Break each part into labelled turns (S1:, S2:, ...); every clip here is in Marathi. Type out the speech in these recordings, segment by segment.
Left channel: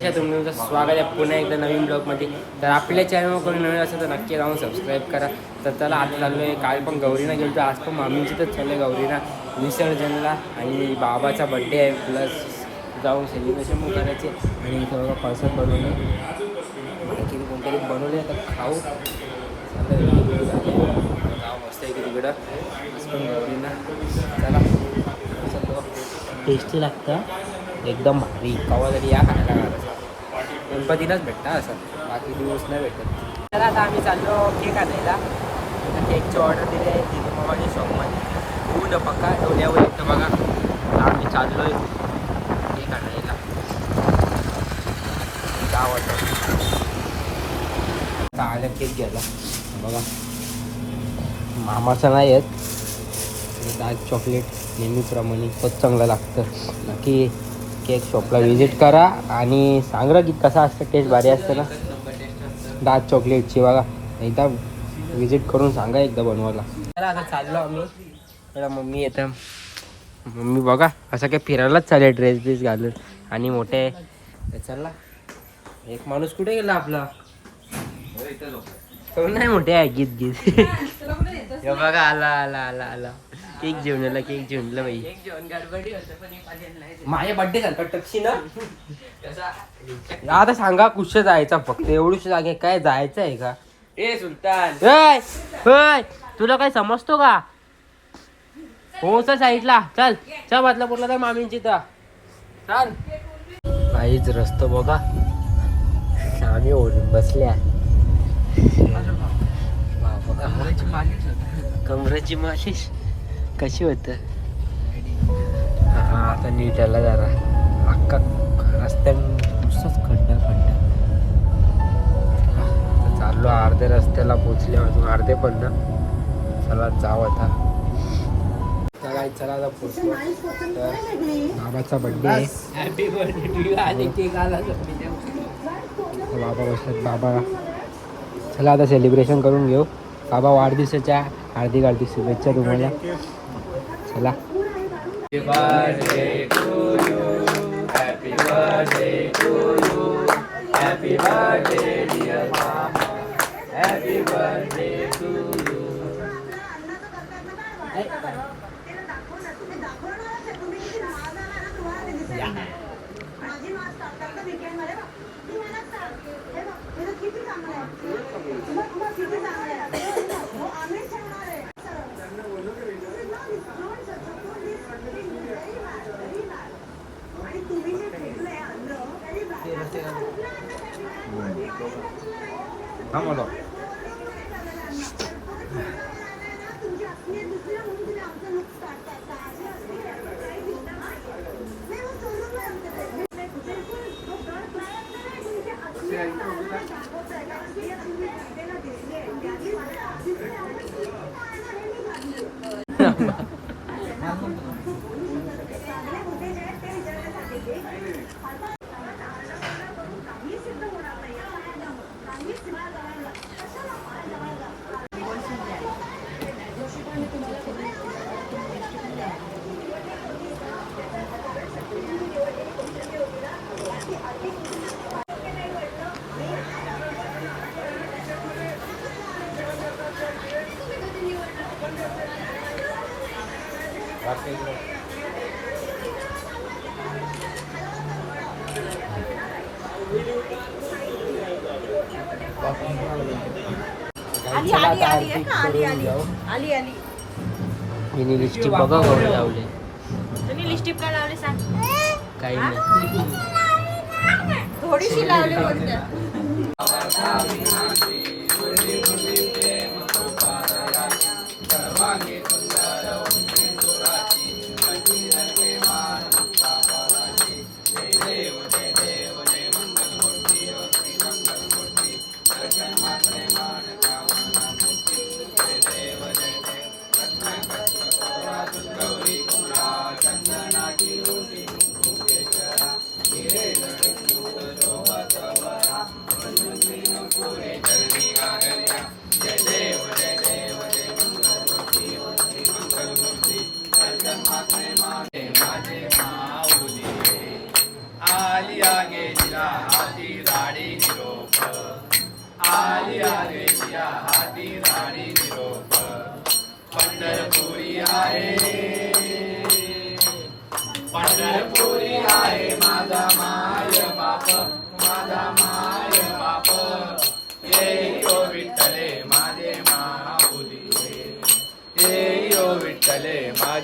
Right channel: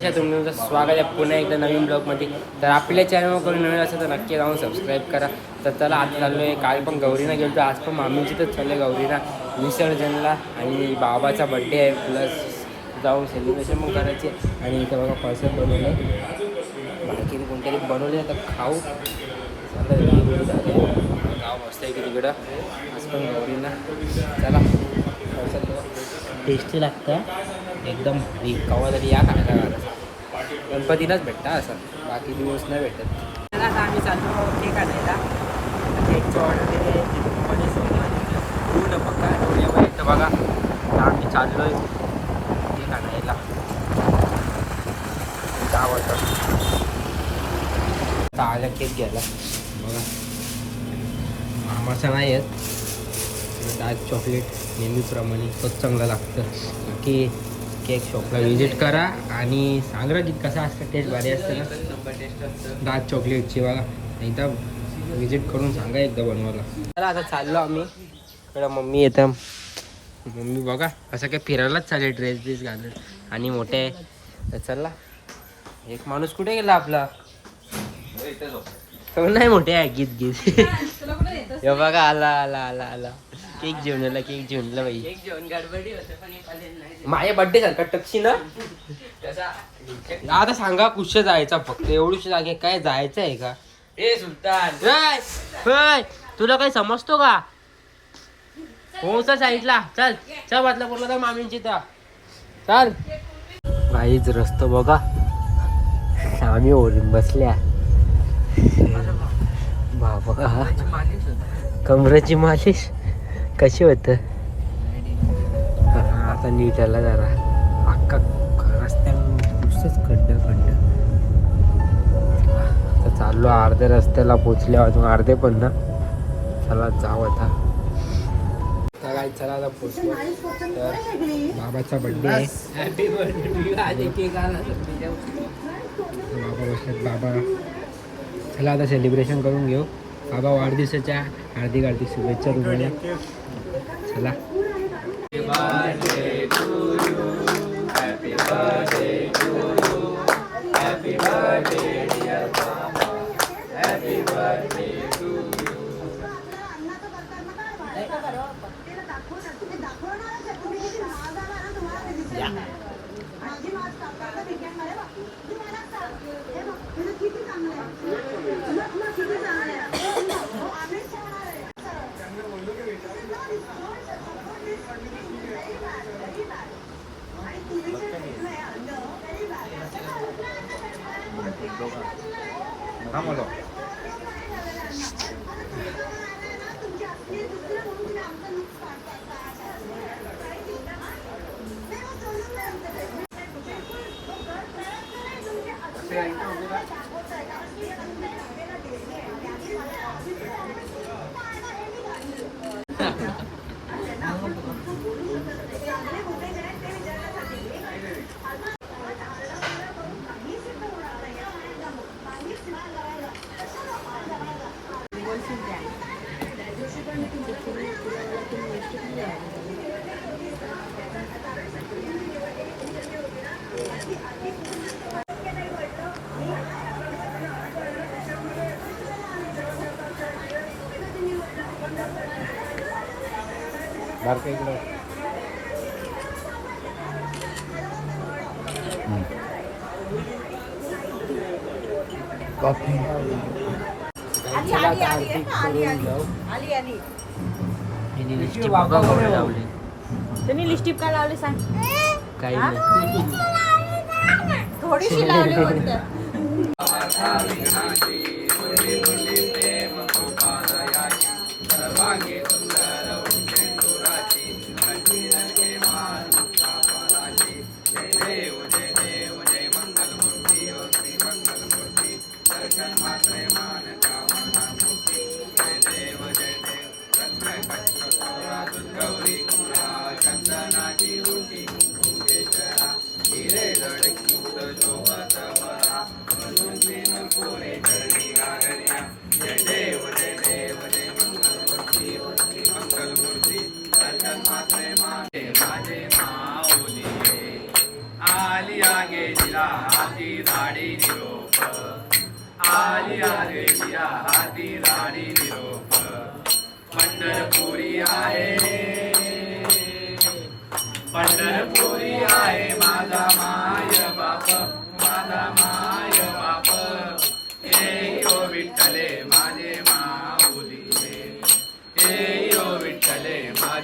S1: तुमचं स्वागत आहे पुन्हा एकदा नवीन ब्लॉगमध्ये. तर आपल्या चॅनलवर कोणी नवीन असेल तर नक्की जाऊन सबस्क्राईब करा. तर त्याला आज चाललो आहे काल पण गौरीना गेलो तर आज पण मामींची तर चाललं आहे गौरीना. विसर्जनला आणि बाबाचा बड्डे आहे प्लस जाऊन सेलिब्रेशन पण करायचे आणि इथं बघा पार्सल बनवलं बाकी कोणतरी बनवले तर खाऊ. गाव मस्त आहे की तिकडं. आज पण गौरीना. चला टेस्टी लागतं. एकदम भारी. कवा तरी या खायला गणपतीलाच भेटता असं. बाकी दिवस नाही भेटत. तर आता आम्ही चाललो केक आणायला. केकची ऑर्डर दिली आहे. ती माझ्या सोमवारी. पूर्ण पक्का डोळ्यावर येतं बघा. आता आम्ही चाललो आहे केक आणायला. दहा वाजता आता केक घ्यायला. बघा. मामाचा नाही आहेत डार्क चॉकलेट नेहमीप्रमाणे तर चांगलं लागतं. बाकी केक शॉपला व्हिजिट करा. आणि सांगा की कसा असतं टेस्ट भारी असतं ना? डार्क चॉकलेटची बघा. एकदा व्हिजिट करून सांगा एकदा बनवायला. चला आता चाललो आम्ही. इकडं मम्मी येतं मम्मी बघा असं काय फिरायलाच चालेल ड्रेस ड्रेस घालून. आणि मोठे. तर चला. एक माणूस कुठे गेला आपला? तो नाही मोठे आहे? गीत गीत. हे बघा आला आला आला आला. केक जेवण आला केक जेवणला बाई. माझ्या बड्डे सारखा टक्शी ना? आता सांगा कुश जायचा फक्त एवढीच जागे काय जायचं आहे का?
S2: ए सुलतान.
S1: होय होय तुला काय समजतो का? हो सर साईडला? चल चल बदलापूरला तर मामींची तर. चल. काहीच रस्त बघा. आम्ही ओढून बसल्या. बाबा कमरेची मालिश? कशी होत? हा आता नीट आला जरा. अख्खा रस्त्या नुसतंच खड्ड खड्ड. आता चाललो अर्ध्या रस्त्याला पोचले अजून अर्धे पण ना. चला जाऊ आता. तर काय चला आता पोचलो तर बाबाचा बड्डे आहे. बाबा बसल्यात बाबा. चला आता सेलिब्रेशन करून घेऊ. बाबा वाढदिवसाच्या हार्दिक हार्दिक शुभेच्छा तुम्हाला. चला. ആയിട്ട് നമുക്ക് चला आता आरती करून जाऊ. बघा गवळे लावले.
S3: लावले सांग.
S1: काही नाही.
S3: थोडीशी लावले बोलते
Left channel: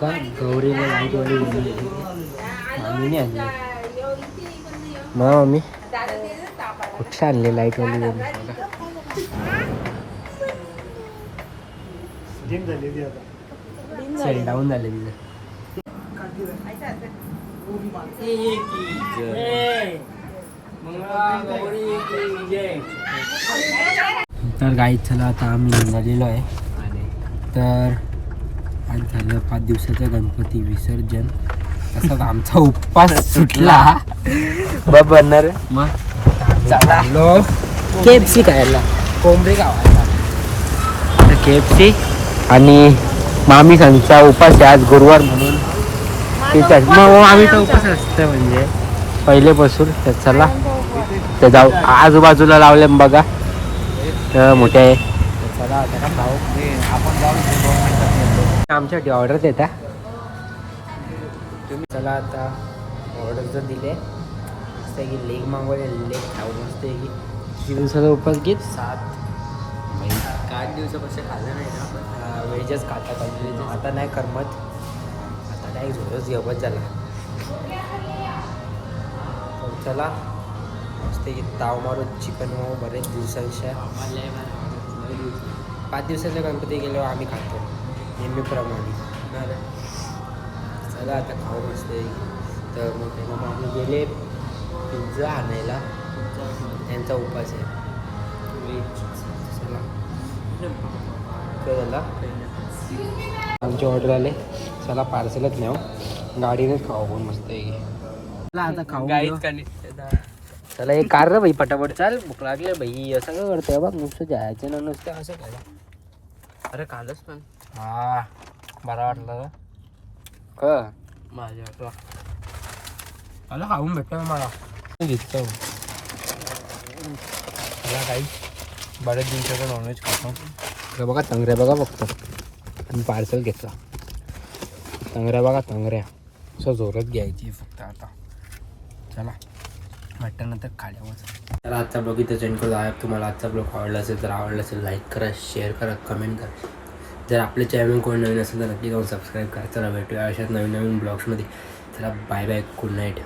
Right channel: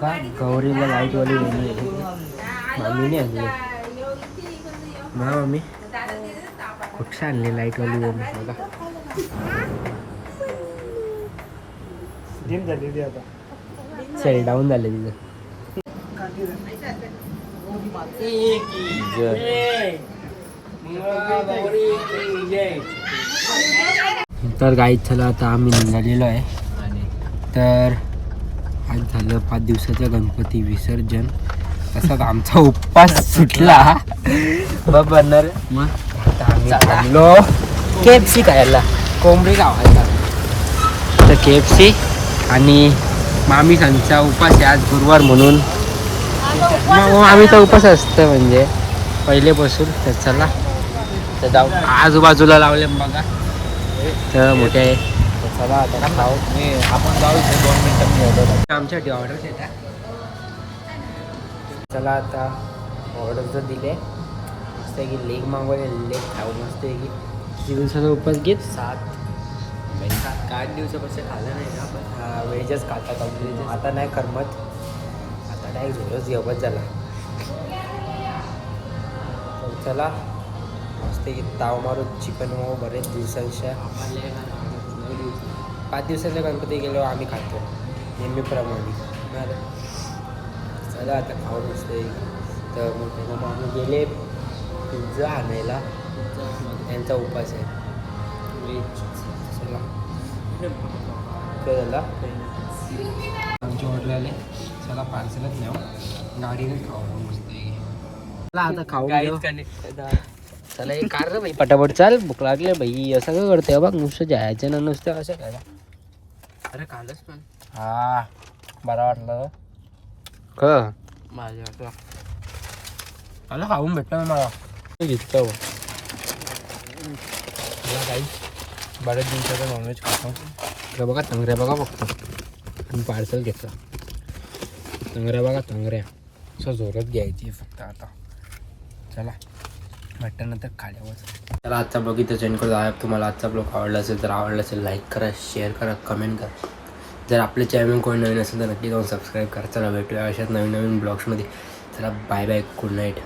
S1: का? गौरीला लाईटवाली वेणी आहे मामीने आणली. ना मम्मी कुठं आणले लाईटवाली वेणी बघा. चल डाऊन झाले तिथं. तर गाईत चला आता आम्ही निघालेलो आहे. तर आज झालं पाच दिवसाचा गणपती विसर्जन. तसाच आमचा उपवास सुटला. बघ बनणार मग थांबलो. के एफ सी खायला कोंबडी गावाला. तर के एफ सी आणि मामी सांगचा उपास आहे आज गुरुवार म्हणून. ठीक आहे. मग आम्हीचा उपास असतं म्हणजे. पहिलेपासून तर चला. तर जाऊ. आजूबाजूला लावले बघा. तर मोठे आहे. तर चला आता खाऊ. आमच्यासाठी ऑर्डर देता? चला आता ऑर्डर जर दिले. मस्त आहे की लेग मागवले लेग खाऊ मस्त आहे की. किती दिवसाचा उपास घेत? सात.
S2: आठ दिवसापासून खाल्लं नाही ना पण
S1: वेजच खातात अजून. आता नाही करमत. आता नाही झोरच घेवत झाला तर चला. मस्त की ताव मारून चिकन माऊ बरेच दिवसांच्या. पाच दिवसाच्या गणपती गेल्यावर आम्ही खातो. नेहमीप्रमाणे? चला आता खाऊ मस्त तर मोठे मामा आम्ही गेले पिझ्झा आणायला. त्यांचा उपास आहे. चला. आमची ऑर्डर आले. चला पार्सलच न्याव. गाडीने खाऊ आपण मस्त चला आता खाऊ चला एक कार रे भाई पटापट. चाल भूक लागले भाई. असं काय करते बघ नुसतं जायचं ना नुसतं असं करा.
S2: अरे कालच पण.
S1: हा बरा वाटलं. क?
S2: माझ्या वाटला.
S1: मला खाऊन भेटलं मला. घेतलं मला काही बऱ्याच दिवसाचं नॉनव्हेज खातो. इकडे बघा तंगऱ्या बघा फक्त. आणि पार्सल घेतला. तंगऱ्या बघा तंगऱ्या. असं जोरात घ्यायची फक्त आता. चला म्हटल्यानंतर खाल्यावर. तर आजचा ब्लॉग इथं सेंड करतो आहे तुम्हाला आजचा ब्लॉग आवडला असेल तर आवडला असेल लाईक करा शेअर करा कमेंट करा. जर आपले चॅनल कोणी नवीन असेल तर नक्की जाऊन सबस्क्राईब करा. चला भेटूया अशाच नवीन नवीन ब्लॉग्समध्ये चला बाय बाय गुड नाईट